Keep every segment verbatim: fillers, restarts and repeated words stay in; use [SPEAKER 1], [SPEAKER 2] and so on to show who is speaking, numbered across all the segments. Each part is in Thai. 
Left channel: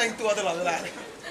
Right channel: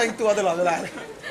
[SPEAKER 1] แต่งตัวตลอดเวลา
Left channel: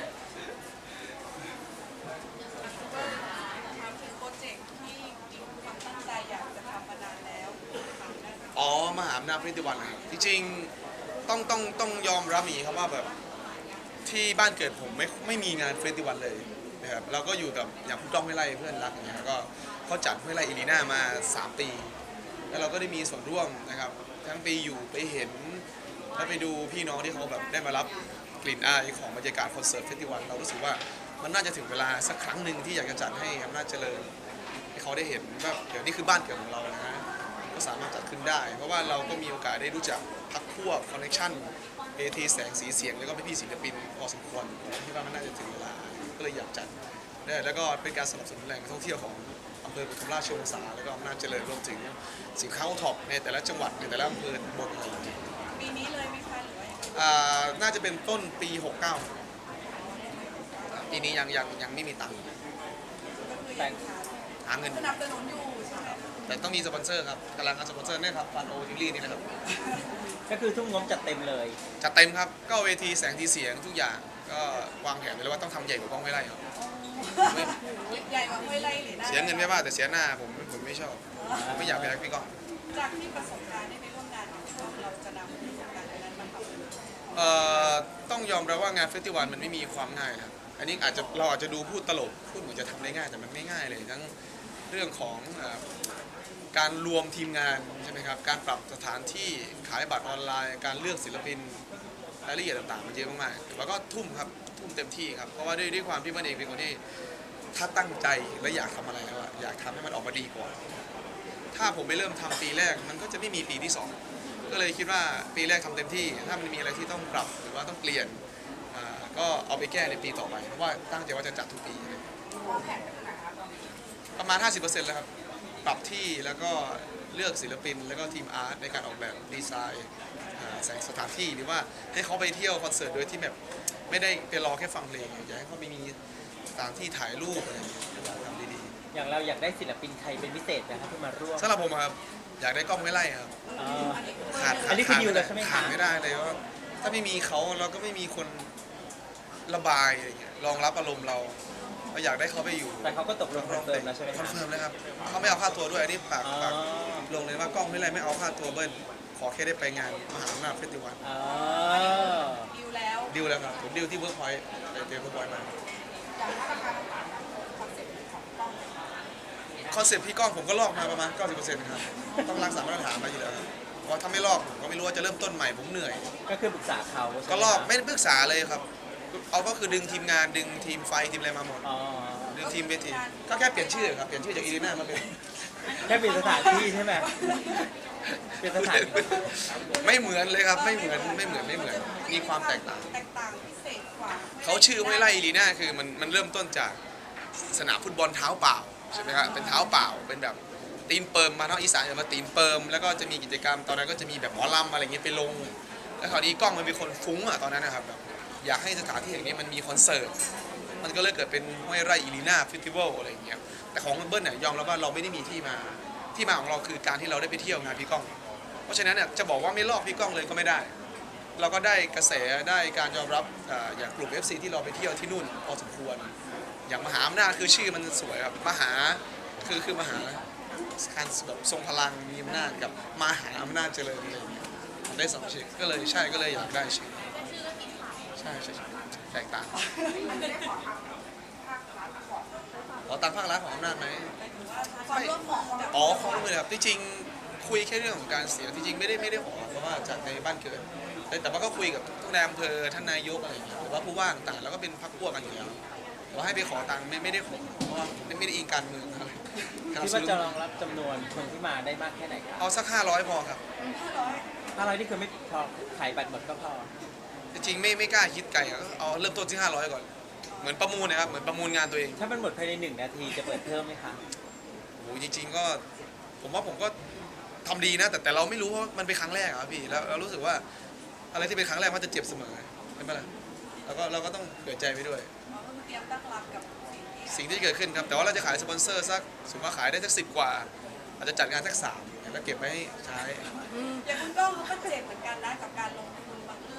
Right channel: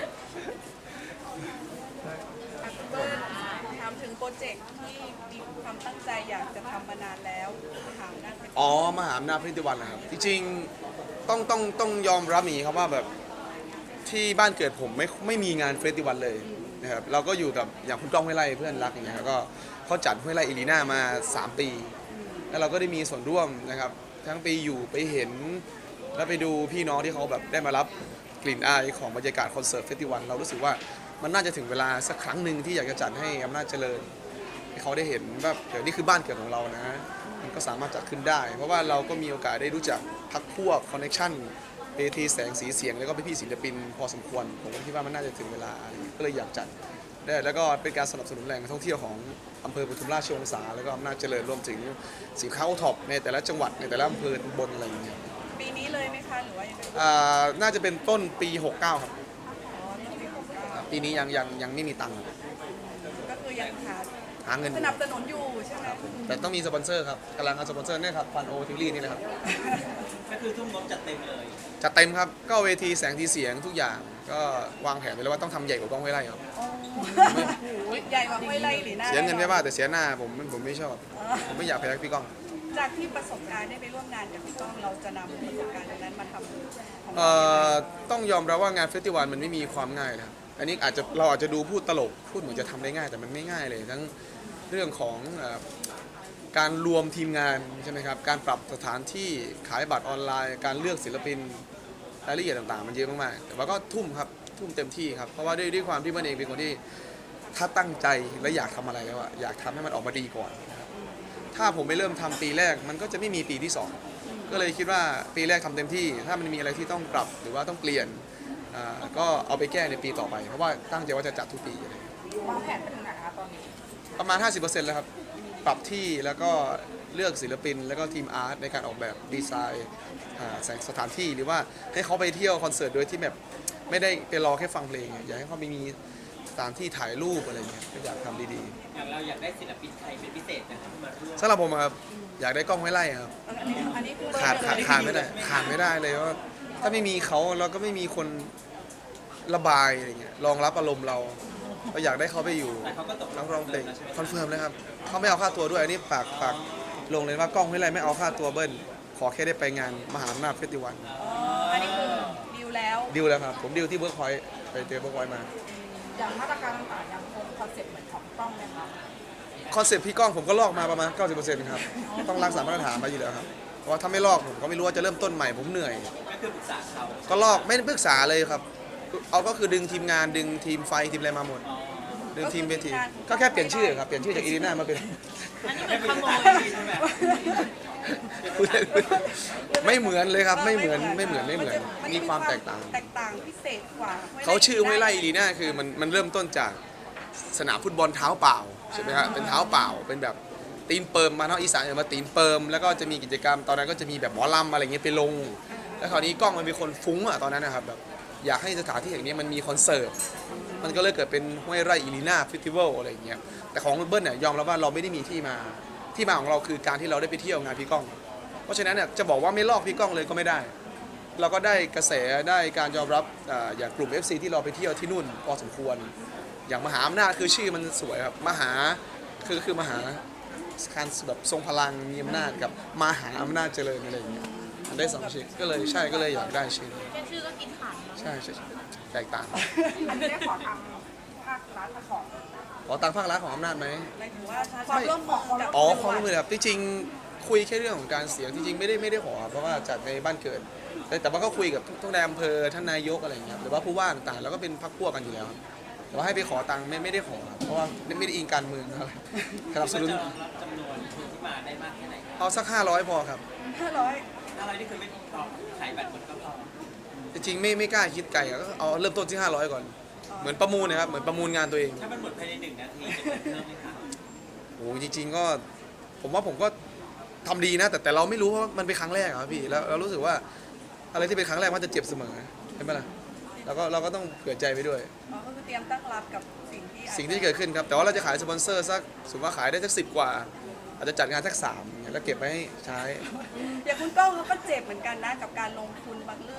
[SPEAKER 2] ถามถึงโปรเจกต์ที่มีความตั้งใจอยากจะทำมานานแล้วถามนะ
[SPEAKER 1] อ๋อมหาอำนาจพฤติวันนะครับจริงๆต้องต้องต้องยอมรับอย่างนี้ครับว่าแบบที่บ้านเกิดผมไม่ไม่มีงานเฟสติวัลเลยนะครับเราก็อยู่กับอย่างคุณก้องห้วยไร่เพื่อนรักอย่างเงี้ยก็เขาจัดห้วยไร่อีลีน่ามาสามปีแล้วเราก็ได้มีส่วนร่วมนะครับทั้งปีอยู่ไปเห็นแล้วไปดูพี่น้องที่เขาแบบได้มารับกลิ่นอายของบรรยากาศคอนเสิร์ตเฟสติวัลเรารู้สึกว่ามันน่าจะถึงเวลาสักครั้งหนึ่งที่อยากจะจัดให้อำนาจเจริญให้เขาได้เห็นว่าเดี๋ยวนี้คือบ้านเกิดของเรานะมันก็สามารถจัดขึ้นได้ เพราะว่าเราก็มีโอกาสได้รู้จักพักพวกคอนเนคชั่นเวทีแสงสีเสียงแล้วก็พี่ศิลปินพอสมควรผมคิดว่ามันน่าจะถึงเวลาก็เลยอยากจัดได้แล้วก็เป็นการสนับสนุนแหล่งท่องเที่ยวของอำเภอปทุมราชวงศาแล้วก็อำนาจเจริญรวมถึงสินค้าโอท็อปในแต่ละจังหวัดในแต่ละอำเภอบนอะไรอย่างเงี้ย
[SPEAKER 2] ปีนี้เลยไหมคะหรือว่ายังไง
[SPEAKER 1] อ่าน่าจะเป็นต้นปีหกสิบเก้าครับปีนี้ยังยังยังไม่มีตังค์
[SPEAKER 2] ก็คือยังหา
[SPEAKER 1] หาเงิน
[SPEAKER 2] สนับสนุนอยู่ใช่ไหม
[SPEAKER 1] แต่ต้องมีสปอนเซอร์ครับกำลังหาสปอนเซอร์เนี่ยครับฟันโอทิวลี่นี่แหละครับ
[SPEAKER 3] ก็คือทุกงบจัดเต็มเลย
[SPEAKER 1] จัดเต็มครับก็เวทีแสงทีเสียงทุกอย่างก็วางแผนไว้แล้วว่าต้องทำใหญ่กว่ากล้องห้วยไร่ครับ
[SPEAKER 2] ใหญ่กว่าห้วยไร่หรือหน้า
[SPEAKER 1] เสียเงินไม่ว่าแต่เสียหน้าผมผมไม่ชอบผมไม่อยากไปรักพี่ก้อง
[SPEAKER 2] จากที่ประสบการณ์ได้ไปร่วมงานกับพี่ก้องเราจะนำประสบการณ์นั้นมาทำ
[SPEAKER 1] เอ่อต้องยอมรับว่างานเฟสติวัลมันไม่มีความง่ายครับอันนี้อาจจะเราอาจจะดูพูดตลกพูดเหมือนจะทำได้ง่ายแต่มันไม่ง่ายเลยทั้งเรื่องของการรวมทีมงานใช่ไหมครับการปรับสถานที่ขายบัตรออนไลน์การเลือกศิลปินรายละเอียดต่างๆมันเยอะมากๆแต่ว่าก็ทุ่มครับทุ่มเต็มที่ครับเพราะว่าด้วยด้วยความที่มันเองเป็นคนที่ถ้าตั้งใจและอยากทำอะไรแล้วอะอยากทำให้มันออกมาดีก่อนถ้าผมไม่เริ่มทำปีแรกมันก็จะไม่มีปีที่สองก็เลยคิดว่าปีแรกทำเต็มที่ถ้ามันมีอะไรที่ต้องปรับหรือว่าต้องเปลี่ยนก็เอาไปแก้ในปีต่อไปเพราะว่าตั้งใจว่าจะจัดทุกปี
[SPEAKER 2] วางแผนไปถึงไหนคะตอนนี้
[SPEAKER 1] ประมาณ ห้าสิบเปอร์เซ็นต์ แล้วครับปรับที่แล้วก็เลือกศิลปินแล้วก็ทีมอาร์ตในการออกแบบดีไซน์สถานที่หรือว่าให้เขาไปเที่ยวคอนเสิร์ตโดยที่แบบไม่ได้ไปรอแค่ฟังเพลงอยากให้เขาไปมีสถานที่ถ่ายรูปอะไรเงี้ยก็อยากทำดี
[SPEAKER 3] ๆอย่างเราอยากได้ศิลปินใครเป็นพิเศษนะครับที่มาร่วม
[SPEAKER 1] สำหรับผมครับอยากได้กล้องห้วยไร่ครับขาดขาดขาดไม่ได้ขาดไม่ได้เลยว่าถ้าไม่มีเขาเราก็ไม่มีคนระบายอะไรเงี้ยรองรับอารมณ์เราเราอยากได้เขาไปอยู่นักร้องเพลงคอนเฟิร์มเลยครับเขาไม่เอาค่าตัวด้วยอันนี้ปากปากลงเลยว่ากล้องห้วยไร่ไม่เอาค่าตัวเบิ้ลขอแค่ได้ไปงานมหาอำนาจเฟสติวัล
[SPEAKER 2] อันนี้คือดิวแล้ว
[SPEAKER 1] ดิวแล้วครับผมดิวที่เวิร์กพอยต์ไปเจอเวิร์กพอยต์มา
[SPEAKER 2] อย่างมาตรการต่างๆอย่างคอนเซ็ปต์เหมือนของกล้องเลย
[SPEAKER 1] คอนเซ็ปต์พี่ก้องผมก็ลอกมาประมาณ เก้าสิบเปอร์เซ็นต์ ครับต้องรักษามาตรฐานมาอยู่แล้วครับเพราะว่าถ้าไม่ลอกผมก็ไม่รู้ว่าจะเริ่มต้นใหม่ผมเหนื่อย
[SPEAKER 3] ก็คือปรึกษาเขา
[SPEAKER 1] ก็ลอกไม่ได้ปรึกษาเลยครับเอาก็คือดึงทีมงานดึงทีมไฟทีมอะไรมาหมดดึงทีมเวทีก็แค่เปลี่ยนชื่อครับเปลี่ยนชื่อจากอีลีน่ามาเป็น
[SPEAKER 3] ให้เป็นสถานที่ใช่ไหม
[SPEAKER 1] ไม่เหมือนเลยครับไม่เหมือนไม่เหมือนไม่เหมือนมีความแตกต่าง
[SPEAKER 2] แตกต่างพิเศษกว่า
[SPEAKER 1] เขาชื่อห้วยไร่อีลีน่าคือมันมันเริ่มต้นจากสนามฟุตบอลเท้าเปล่าใช่ไหมครับเป็นเท้าเปล่าเป็นแบบตีนเปิมมาเนาะอีสานมาตีนเปิมแล้วก็จะมีกิจกรรมตอนนั้นก็จะมีแบบหมอลำอะไรเงี้ยไปลงแล้วคราวนี้กล้องมันเป็นคนฟุ้งอะตอนนั้นนะครับแบบอยากให้สถานที่แห่งนี้มันมีคอนเสิร์ตมันก็เลยเกิดเป็นห้วยไร่อีลีน่าเฟสติวัลอะไรเงี้ยแต่ของเบิ้ลเนี่ยยอมรับว่าเราไม่ได้มีที่มาที่มาของเราคือการที่เราได้ไปเที่ยวงานพี่ก้องเพราะฉะนั้นเนี่ยจะบอกว่าไม่ลอกพี่ก้องเลยก็ไม่ได้เราก็ได้กระแสได้การยอมรับอย่างกลุ่ม เอฟ ซี ที่เราไปเที่ยวที่นู่นพอสมควรอย่างมหาอำนาจคือชื่อมันสวยครับมหาคือคือมหาการแบบทรงพลังมีอำนาจกับมหาอำนาจเจริญอะไรอย่างเงี้ยมันได้สองชื่อก็เลยใช่ก็เลยอยากได้ชื่อ
[SPEAKER 2] ชื่อก็กินขาด
[SPEAKER 1] ใช่ใช่แตกต่าง
[SPEAKER 2] อันนี้ได้ขอทางภาครัฐขอ
[SPEAKER 1] ขอตังภาครัฐของอำนาจไหม
[SPEAKER 2] ไม่
[SPEAKER 1] อ๋อความร่วมมือครับที่จริงคุยแค่เรื่องของการเสียงที่จริงไม่ได้ไม่ได้ขอเพราะว่าจัดในบ้านเกิดแต่ว่าก็คุยกับทุกนายอำเภอท่านนายกอะไรอย่างเงี้ยหรือว่าผู้ว่าต่างๆแล้วก็เป็นพรรคพวกกันอยู่แล้วแต่ว่าให้ไปขอตังค์ไม่ไม่ได้ขอเพราะว่าไม่ได้อิงการเมืองอะไร
[SPEAKER 3] สนับสนุนจะรองรับจำนวนคนที่มาได้มากแค่ไหน
[SPEAKER 1] เอาสักห้าร้อยพอครับ
[SPEAKER 2] ห้าร้อย
[SPEAKER 3] ห้าร้อยนี่คือไม่พอขายบัตรหมดก็พอ
[SPEAKER 1] จริงไม่ไม่กล้าคิดไกลก็เอาเริ่มต้นที่ห้าร้อยก่อนเหมือนประมูลนะครับเหมือนประมูลงานตัวเอง
[SPEAKER 3] ถ้ามันหมดภายในหนึ่งนาทีจะเปิดเพิ่มไหมครับ
[SPEAKER 1] โอ้จริงๆก็ผมว่าผมก็ทำดีนะแต่แต่เราไม่รู้เพราะมันเป็นครั้งแรกครับพี่แล้วเรารู้สึกว่าอะไรที่เป็นครั้งแรกมันจะเจ็บเสมอใช่ไหมล่ะเราก็เราก็ต้องเผื่อใจไปด้วย
[SPEAKER 2] อ๋อก็คือเตรียมตั้งรับกับสิ่งที่
[SPEAKER 1] สิ่งที่เกิดขึ้นครับแต่ว่าเราจะขายสปอนเซอร์สักสมมติว่าขายได้สักสิบกว่าอาจจะจัดงานสักสามแล้วเก็บไว้ให้ใช้
[SPEAKER 2] อย่างคุณก้องเขาก็เจ็บเหมือนกันนะกับการลงทุนบางเรื่อง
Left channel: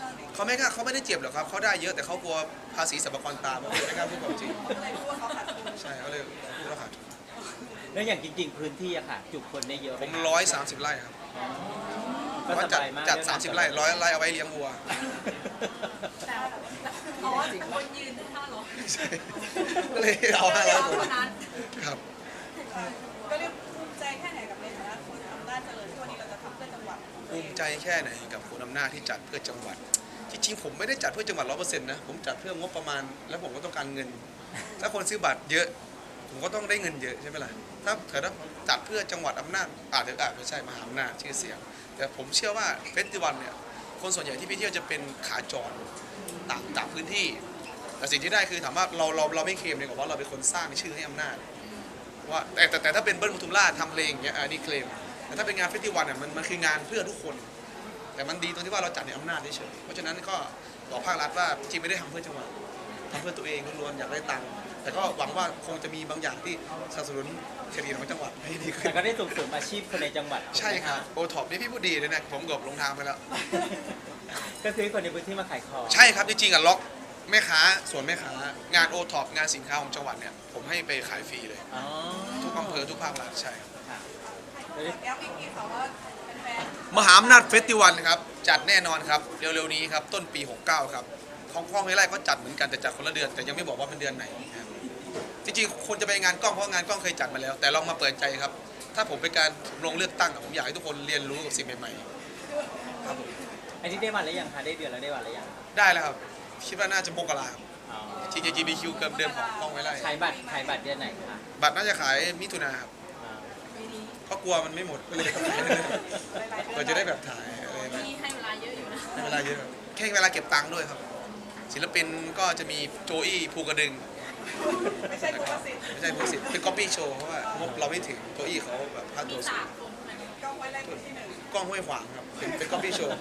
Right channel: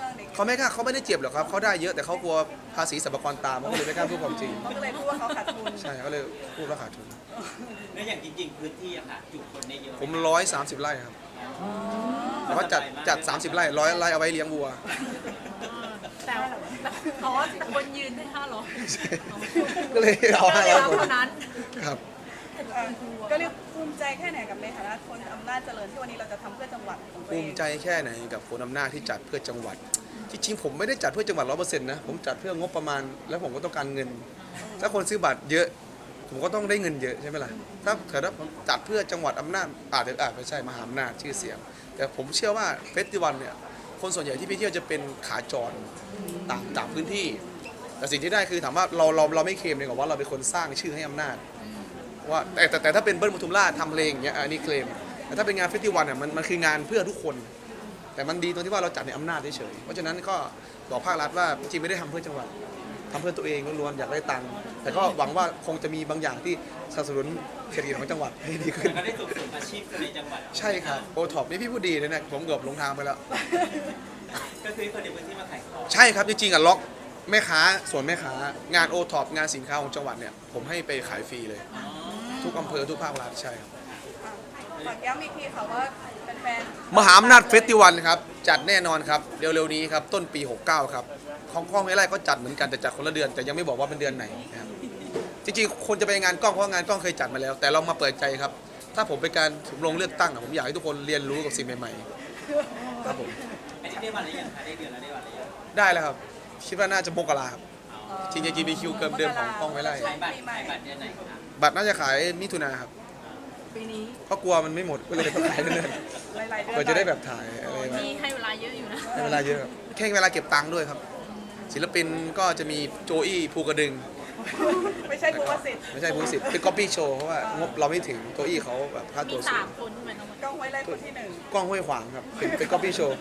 [SPEAKER 2] รื่องใน
[SPEAKER 1] เขาไม่กล้าเขาไม่ได้เจ็บหรอกครับเขาได้เยอะแต่เขากลัวภาษีสรรพากรตามเขาเลยไม่กล้าพูดความจริง
[SPEAKER 2] เขาก็เลยพูดว่าเขาขาดทุน
[SPEAKER 1] ใช่เขาเลยพูดว่าขาดทุน
[SPEAKER 3] แล้วอย่างจริงๆพื้นที่อะค่ะจุคนได้เยอะ
[SPEAKER 1] ผมร้อยสามสิบไร่ครับแต่ว่าจัดจัดสามสิบไร่ร้อยไร่เอาไว้เลี้ยงวัว
[SPEAKER 4] แต่เขาว่าคนยืนได้ห้าร้อย
[SPEAKER 1] ก็เลยเอาห้าร้อยคน
[SPEAKER 4] เท่านั้น
[SPEAKER 1] ครับ
[SPEAKER 2] เอ่อก็เรียกภูมิใจแค่ไหนกับในฐานะคนอำนาจเจริญที่วันนี้เราจะทำเพื่อจังหวัดของตัว
[SPEAKER 1] ภู
[SPEAKER 2] เอง
[SPEAKER 1] มิใจแค่ไหนกับคนอำนาจที่จัดเพื่อจังหวัดจริงๆผมไม่ได้จัดเพื่อจังหวัดร้อยเปอร์เซ็นต์นะผมจัดเพื่องบประมาณแล้วผมก็ต้องการเงิน ถ้าคนซื้อบัตรเยอะ ผมก็ต้องได้เงินเยอะใช่ไหมล่ะถ้าเกิดว่าผมจัดเพื่อจังหวัดอำนาจอาจจะอาจไม่ใช่มหาอำนาจชื่อเสียง แต่ผมเชื่อว่าเฟสติวัลเนี่ยคนส่วนใหญ่ที่ไปเที่ยวจะเป็นขาจรต่างต่างพื้นที่ แต่สิ่งที่ได้คือถามว่าเราเราเราไม่เคลมเลยกับว่าเราเป็นคนสร้างชื่อให้อำนาจว่าแต่แต่แต่ถ้าเป็นเบิ้ลปทุมราชทำเพลงอย่างเงี้ยอันนี้เคลมแต่ถ้าเป็นงานเฟสติวัลเนี่ยมันมันคืองานเพื่อทุกคน แต่มันดีตรงที่ว่าเราจัดในอำนาจเฉยๆเพราะฉะนั้นก็บอกภาครัฐว่าจริงๆไม่ได้ทำเพื่อจังหวัดทำเพื่อตัวเองล้วนๆอยากได้ตังค์แต่ก็หวังว่าคงจะมีบางอย่างที่สนับสนุนเศรษฐกิจของจังหวัดให้ดีขึ้น
[SPEAKER 3] แล้วก็ได้ส่งเสริมอาชีพคนในจังหวัด
[SPEAKER 1] ใช่ครับโอท็อปนี่พี่พูดดีเลยนะผมเกือบลงทางไปแล้ว
[SPEAKER 3] ก็ซื้อคนในพื้นที่มาขายของ
[SPEAKER 1] ใช่ครับจริงๆอ่ะล็อกแม่ค้าส่วนแม่ค้างานโอท็อปงานสินค้าของจังหวัดเนี่ยผมให้ไปขายฟรีเลย
[SPEAKER 3] อ๋อ
[SPEAKER 1] ทุกอำเภอทุกภาครัฐใช่ครับ
[SPEAKER 2] ฝากย้ำอีกทีค่ะว่าแฟน
[SPEAKER 1] มหาอำนาจเฟสติวัลครับจัดแน่นอนครับเร็วๆนี้ครับต้นปีหกสิบเก้าครับของกล้องห้วยไร่ก็จัดเหมือนกันแต่จัดคนละเดือนแต่ยังไม่บอกว่าเป็นเดือนไหนนะครับจริงๆคนจะไปงานกล้องเพราะงานกล้องเคยจัดมาแล้ว แต่เรามาเปิดใจครับถ้าผมเป็นการถึงลงเลือกตั้งอะผมอยากให้ทุกคนเรียนรู้กับสิ่งใหม่ๆครับผม
[SPEAKER 3] อันนี้ได้วันแล้วยังคะได้เดือนแล้วได้วันแล้วยัง
[SPEAKER 1] ได้แล้วครับคิดว่าน่าจะมกราครับจริงๆ จี บี คิว เกินเดิมของกล้องห้วยไร่
[SPEAKER 3] ขายบัตรขายบัตรเดือนไหนคะ
[SPEAKER 1] บัตรน่าจะขายมิถุนาครับ
[SPEAKER 2] ๆปีนี้
[SPEAKER 1] เพราะกลัวมันไม่หมดก็เลยต้องขายเรื่อย
[SPEAKER 2] หลายๆ
[SPEAKER 1] ๆ
[SPEAKER 2] เดือน
[SPEAKER 1] เพื่อจะได้แบบถ่ายอะไรมา
[SPEAKER 4] มีให้เวลาเยอะอยู่นะ
[SPEAKER 1] ให้เวลาเยอะครับแค่เวลาเก็บตังค์ด้วยครับ ศิลปินก็จะมีโจอี้ภูกระดึง
[SPEAKER 2] ไม่ใช่คุณวสิทธิ์
[SPEAKER 1] ไม่ใช่ภูสิทธิ์เป็นก๊อปปี้โชว์เพราะว่างบเราไม่ถึงโจอี้เขาแบบค่า
[SPEAKER 4] มี
[SPEAKER 1] ตัวสู
[SPEAKER 4] สาง มคนเหมือน
[SPEAKER 2] กล้องไว้ไล่คนที่หนึ่ง
[SPEAKER 1] กล้องห้วยขวางครับเป็นเป็นก๊อปปี้โชว์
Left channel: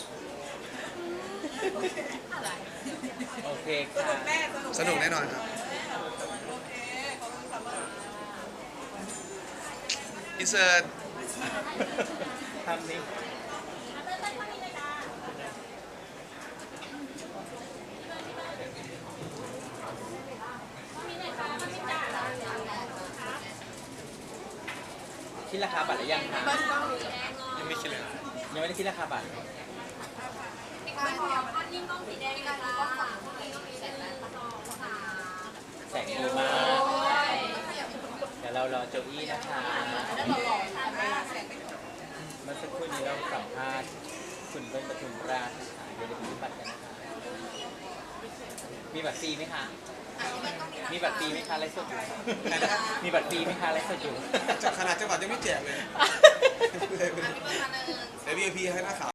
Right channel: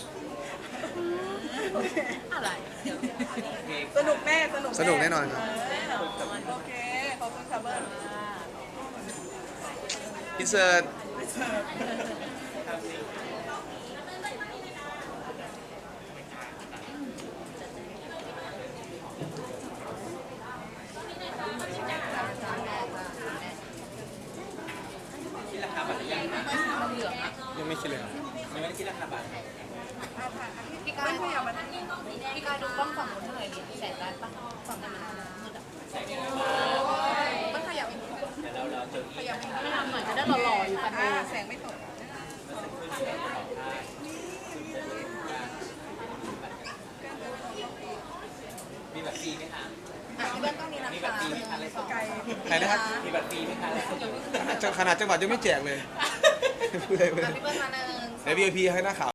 [SPEAKER 4] อะไร
[SPEAKER 3] โอเค
[SPEAKER 2] สนุกแน่สนุก
[SPEAKER 1] สนุกแน่นอนครับ
[SPEAKER 2] โอเคขอบคุณค่ะเบิร์ด
[SPEAKER 1] อินเสิร์ต
[SPEAKER 3] ทำนี้ คิดราคาบัตรหรือยังคะ
[SPEAKER 1] ยังไม่คิดเลยครับ
[SPEAKER 3] ยังไม่ได้คิดราคาบัตร
[SPEAKER 4] พี่การพี่การดูกล้องฝั่งนู้นเท่าไหร่แสนแรกปะฝั่งนู้นมืดอะ
[SPEAKER 3] แสงโอมาเดี๋ยวเราเราจะอีก
[SPEAKER 4] เหมือนจะได้หล่อๆอยู่แต่
[SPEAKER 2] อ่าแสงไม่ตก
[SPEAKER 3] มีบัตรฟรีไหมคะ
[SPEAKER 4] อ่ะพี่เบิ้ลต้องมีรา
[SPEAKER 3] มี
[SPEAKER 4] คา
[SPEAKER 3] บัตรฟรีไหมคะไรสด
[SPEAKER 2] ไกล
[SPEAKER 1] ไหนนะครับ
[SPEAKER 3] มีบัตรฟรีไหมคะไรสด
[SPEAKER 1] ขนาดจังหวัดยังไม่แจกเลยพูดเลย
[SPEAKER 4] อ่ะพี่เบิ้ลมาหนึ่ง
[SPEAKER 1] ใน วี ไอ พี ให้หน้าขาว